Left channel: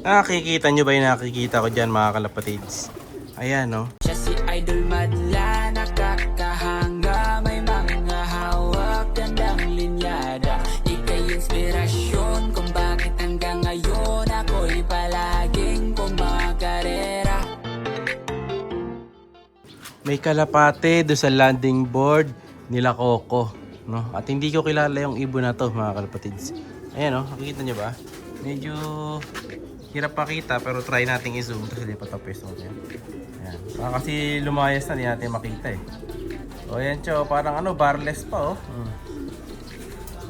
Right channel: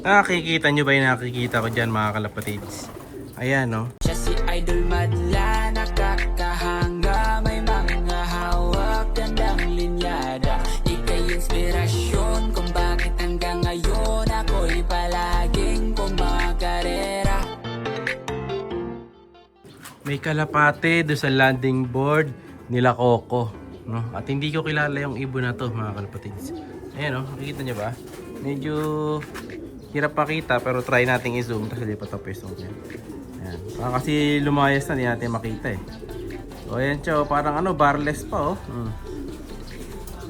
Nakikita nyo ba yung nakikita ko dyan mga kalapatids? Ayan no. Siya si Idol Madla, nakakahanga, may mga hawak, gandang linyada. Ika'y inspirasyon kung bakit hanggang ngayon ako'y palaging kumakarera. May kalapate do sa landing board nila Coco, no? At hindi ko kilala yung ibon na to mga kalapatids. Ayan no, nakikita nyo ba? Medyo hirap makita pero try nating i-zoom kasi lipat ang pwesto ko yan. Ayan. Kasi lumayas na, hindi natin makita eh. So ayan siya, parang ano, barless pa oh.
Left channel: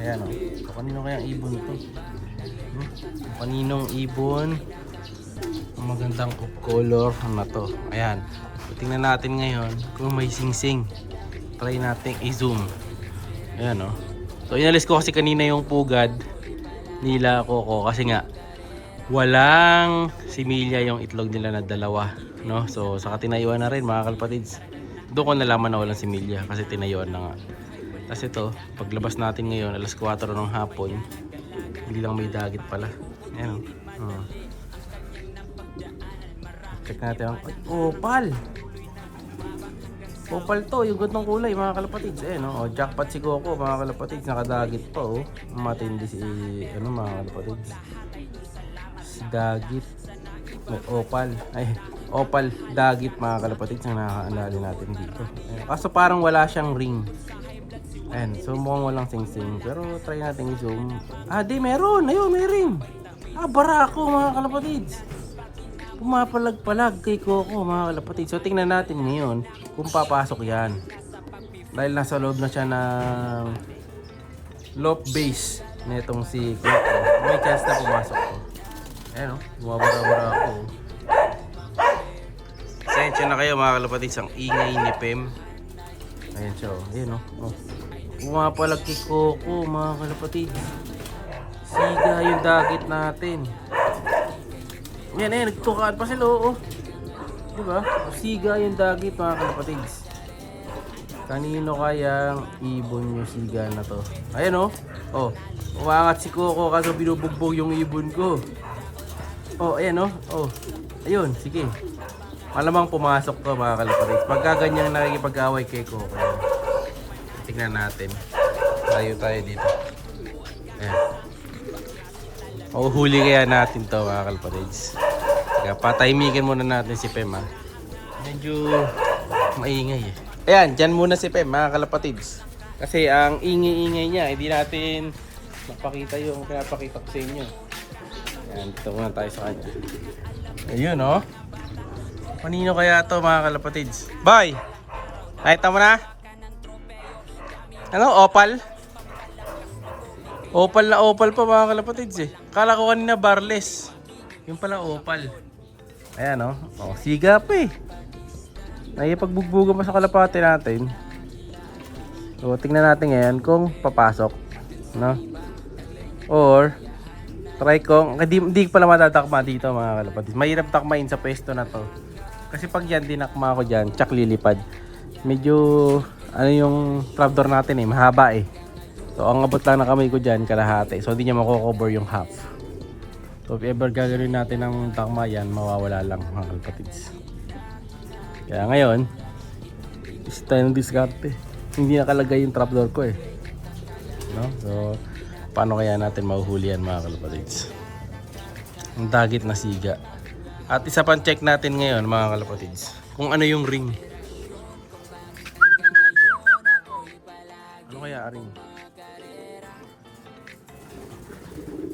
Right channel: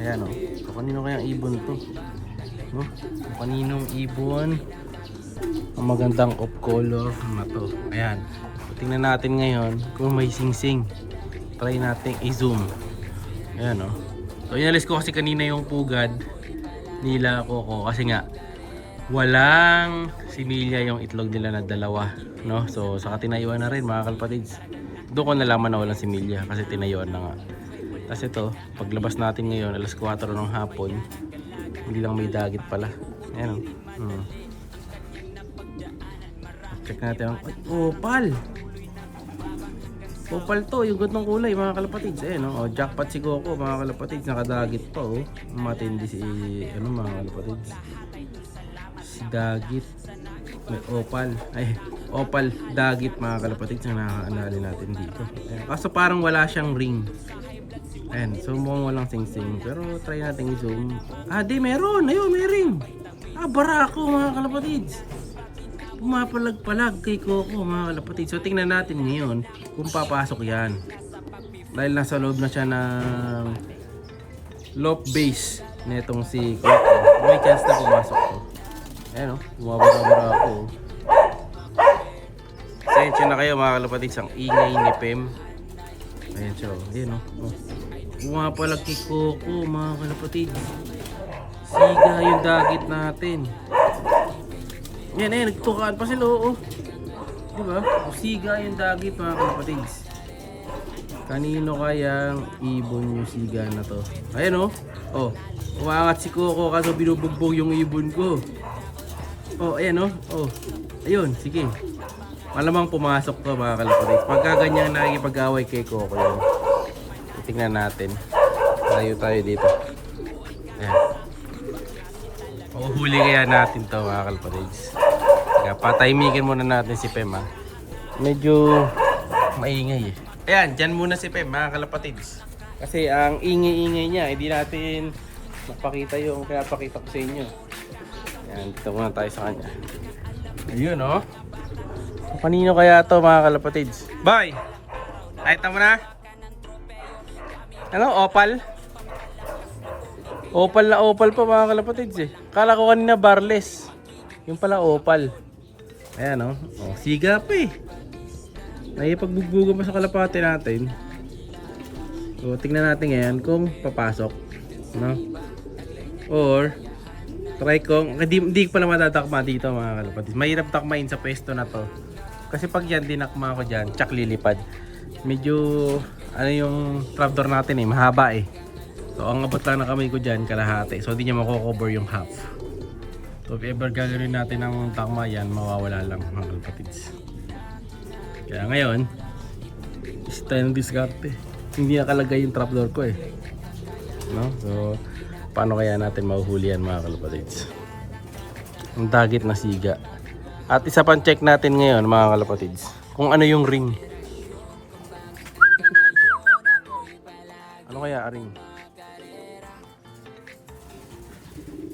Ayan oh. So kanino kayang ibon to? No? So, kaninong ibon ang magandang off color na to? Ayan. So, tingnan natin ngayon kung may sing-sing. Try nating i-zoom. Ayan oh. So inalis ko kasi kanina yung pugad nila Coco kasi nga walang similya yung itlog nila na dalawa, no? So saka tinayuan na rin mga kalapatids. Doon ko nalaman na walang similya kasi tinayuan na nga. Tapos ito, paglabas natin ngayon alas 4 ng hapon, hindi lang may dagit pala. Ayan o. Check natin ang opal. Opal to, yung gantong kulay mga kalapatids. Ayan o, jackpot si Coco mga kalapatids. Nakadagit pa o. Matindi si ano mga kalapatids. Dagit, may opal, ay opal dagit mga kalapatids ang nakakaalala natin dito. Ayan. Kaso parang wala siyang ring. Ayan, so mukhang walang sing-sing pero try natin i-zoom. Di meron, ayun may ring. Barako mga kalapatids, pumapalag-palag kay Coco mga kalapatids. So tingnan natin ngayon kung papasok yan dahil nasa loob na siya ng loft base netong si Coco. May chance na pumasok to. Ayan o, bumabara-bara ako. Sensya na kayo mga kalapatids, ang ingay ni Pem. Ayan siya o, ayan o. Bumapalag kay Coco mga kalapatids. Siga yung dagit natin. Ayan, nagtukaan pa sila o. Diba? Siga yung dagit mga kalapatids. Kanino kayang ibon yung siga na to? Ayan o. Umangat si Coco kaso binubugbog yung ibon ko. Ayan ayun, sige. Malamang pumasok to mga kalapatids. Pagka ganyang nakikipag-away kay Coco yan. Tingnan natin. Tayo dito. Ayan. Huli kaya natin to mga kalapatids. Kaya patahimikin muna natin si Pem ha. Medyo maingay eh. Ayan, dyan muna si Pem mga kalapatids. Kasi ang ingay-ingay niya, hindi natin magpakita yung pinapakita ko sa inyo. Ayan, dito muna tayo sa kanya. Ayun o. Kanino kaya to mga kalapatids? Bye! Nakita mo na? Ano? Opal? Opal na opal pa mga kalapatids eh. Kala ko kanina barless. Yung pala opal. Ayan o. Siga pa eh. Naipagbugbugam pa sa kalapate natin. So tingnan natin ngayon kung papasok. No? Or try kong, hindi pala matatakma dito mga kalapatids. Mahirap takmain sa pwesto na to. Kasi pag yan dinakma ko dyan, tsak lilipad. Medyo, ano yung trapdoor natin eh, mahaba eh. So ang abot lang na kamay ko dyan, kalahati. So hindi niya makocover yung half. So if ever gagawin natin ng takma yan, mawawala lang mga kalapatids. Kaya ngayon, isa tayo ng diskarte. Hindi nakalagay yung trapdoor ko eh. No? So, paano kaya natin mahuhuli yan mga kalapatids? Ang dagit na siga. At isa pang check natin ngayon mga kalapatids, kung ano yung ring. Ano kaya ring?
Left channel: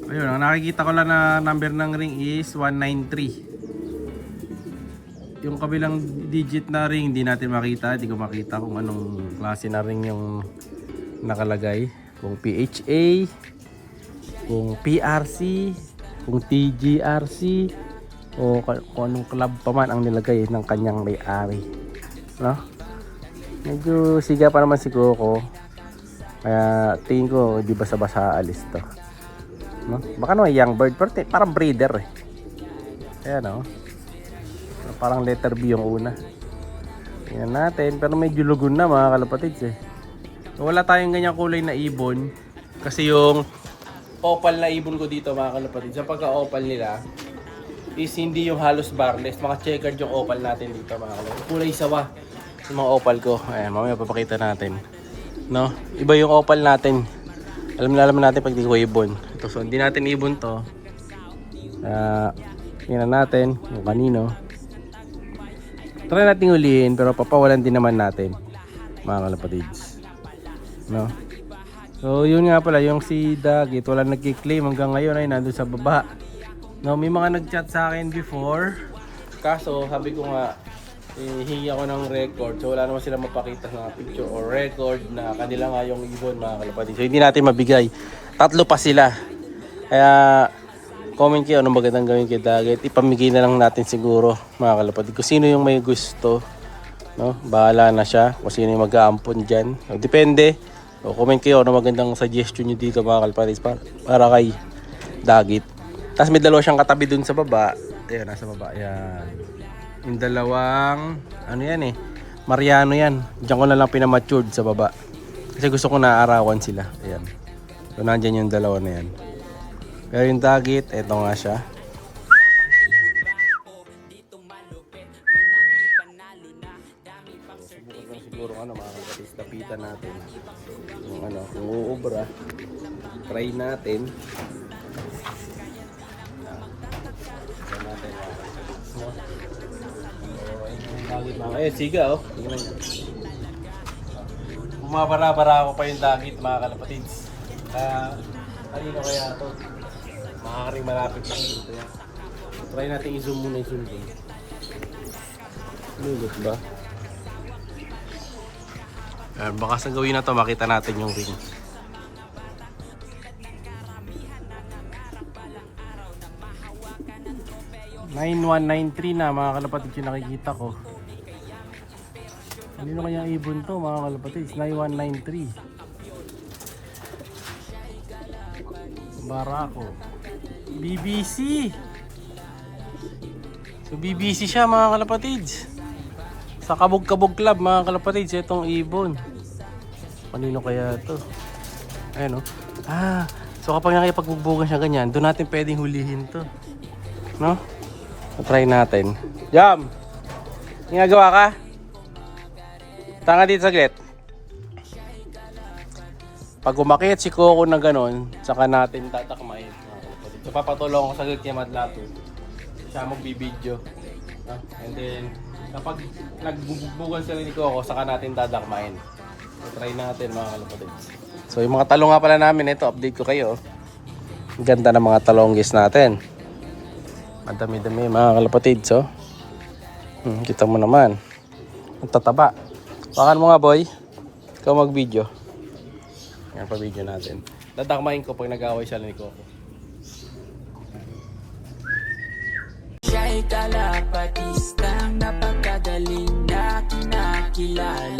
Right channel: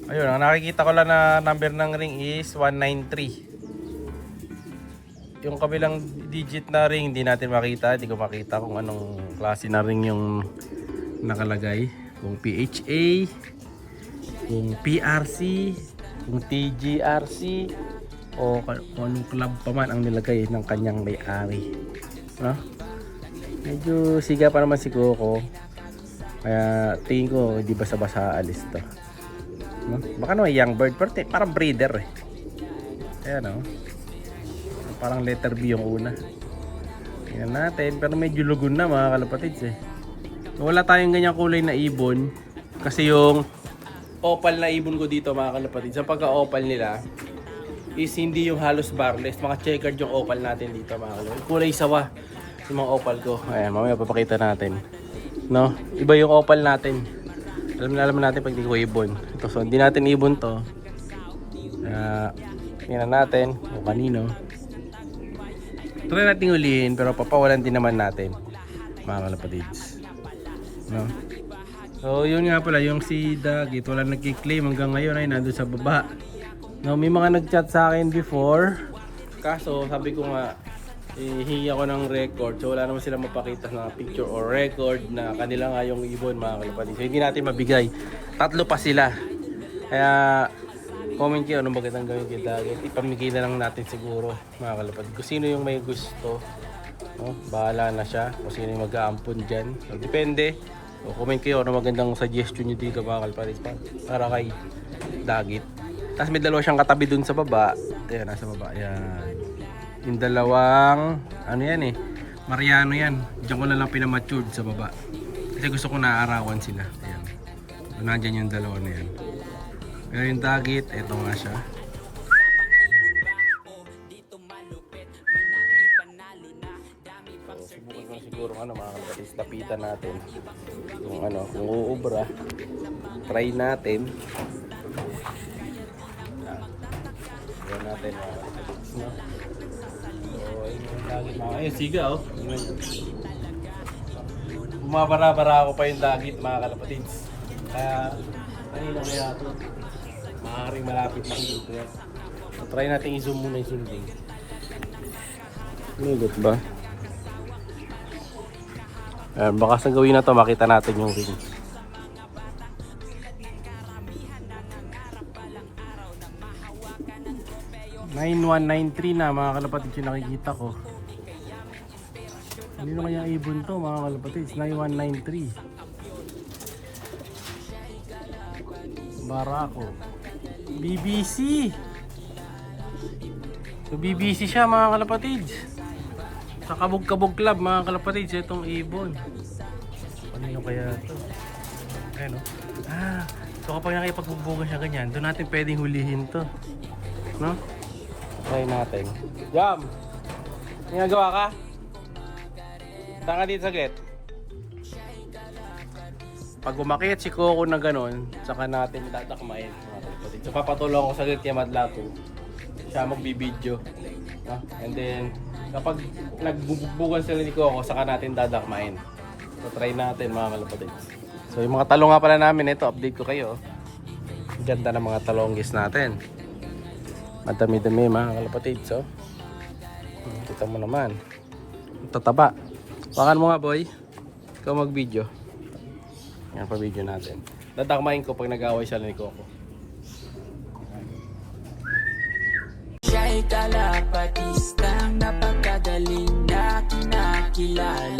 Ayun, ang nakikita ko lang na number ng ring is 193. Yung kabilang digit na ring hindi natin makita. Hindi ko makita kung anong klase na ring yung nakalagay. Kung PHA, kung PRC, kung TGRC, o kung anong club pa man ang nilagay ng kanyang may-ari. No? Medyo siga pa naman si Coco. Kaya tingin ko hindi basa-basa alis to. No? Baka naman young bird, pero parang breeder eh. Ayan o. Parang letter B yung una. Tingnan natin, pero medyo lugon na mga kalapatids eh. So, wala tayong ganyang kulay na ibon. Kasi yung opal na ibon ko dito mga kalapatids, sa pagka-opal nila, is hindi yung halos barless. Mga checkered yung opal natin dito mga kalapatids. Kulay sawa yung mga opal ko. Ayan, mamaya papakita natin. No? Iba yung opal natin. Alam natin pag dito ibon. Ito, so hindi natin ibon to. Tingnan natin kung kanino. Try natin ulihin pero papawalan din naman natin mga kalapatids. No? So yun nga pala yung si Dagit wala nagki-claim hanggang ngayon ay nandun sa baba. No, may mga nag-chat sa akin before. Kaso sabi ko nga hingi ako ng record. So wala naman sila mapakita na picture or record na kanila nga yung ibon mga kalapatids. So hindi natin mabigay. 3 pa sila. Kaya comment kayo anong magandang gawin kay Dagit. Ipamigay na lang natin siguro mga kalapatids. Kung sino yung may gusto, no? Bahala na siya. Kung sino yung mag-aampon dyan. So, depende. So, comment kayo anong magandang suggestion nyo dito mga kalapatids para kay Dagit. Tapos may dalawa siyang katabi dun sa baba. Ayan, nasa baba. Ayan. Yung dalawang, ano yan eh, Mariano yan. Diyan ko na lang pinamatured sa baba. Kasi gusto ko naaarawan sila. Ayan. So, nandyan yung dalawa na yan. Pero yung Dagit, eto nga siya. So, subukan lang siguro mga kalapatids. Lapitan natin. Kung uubra, try natin. Ayan natin mga kalapatids, no? So, ayun yung Dagit mga siga oh. Bumabara-bara ako pa yung Dagit mga kalapatids. Kaya, kanino kaya ito? Maaaring malapit lang dito yan. So, try natin i-zoom muna yung hindi. Lugot ba? Baka sa gawin na to makita natin yung ring. #9193 na mga kalapatids yung nakikita ko. Kanino kaya ibon to mga kalapatids? 9193 Barako BBC. So BBC siya mga kalapatids. Sa Kabog-Kabog Club mga kalapatids itong ibon. Kanino kaya to? Ayan o. So kapag nakipagbubugan siya ganyan, doon natin pwedeng hulihin to. No? So, try natin. Jam! Ginagawa ka? Tanga dito saglit. Pag umakit si Coco na ganon, saka natin tatakmain mga kalapatids. So papatulong ko saglit kay Madlato. Siya magbibideo. No? And then, kapag nagbubugbugan sila ni Coco, saka natin dadakmain. So try natin mga kalapatids. So yung mga talong nga pala namin, ito update ko kayo. Ganda ng mga talonggis natin. Madami-dami mga kalapatids oh. Kita mo naman. Ang tataba. Pakan mo nga boy. Ikaw mag-video. Yan pa video natin. Dadakmain ko pag nag-away siya ni Coco. Siya'y kalapatistang napakagaling na kinakilala.